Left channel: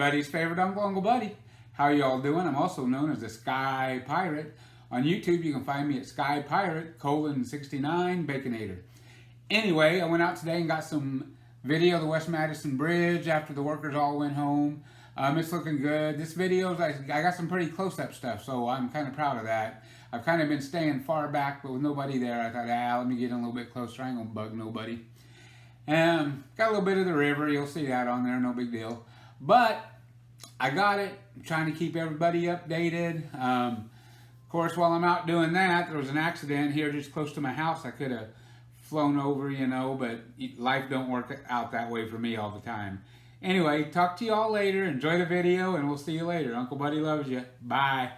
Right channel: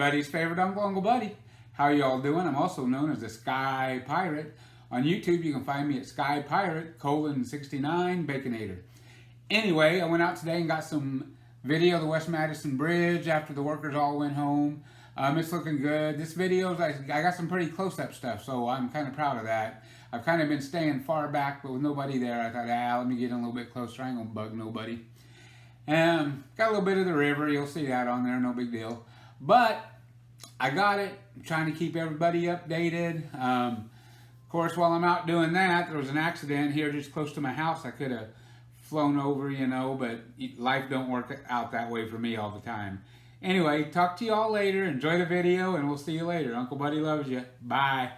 Everybody's favorite uncle, Uncle Buddy. How are y'all doing? I'm also known as the Sky Pirate. On YouTube, you can find me at Sky Pirate, :69, Baconator. Anyway, I went out today and got some video of the West Madison Bridge after the workers all went home. It's looking good. This video, I got some pretty close-up stuff, so I'm kind of proud of that. I've kind of been staying far back, but with nobody there, I thought, let me get in a little bit closer. I ain't gonna bug nobody. Got a little bit of the river. You'll see that on there, no big deal. But I got it. I'm trying to keep everybody updated. Of course, while I'm out doing that, there was an accident here just close to my house. I could have flown over, you know, but life don't work out that way for me all the time. Anyway, talk to y'all later. Enjoy the video, and we'll see you later. Uncle Buddy loves you. Bye.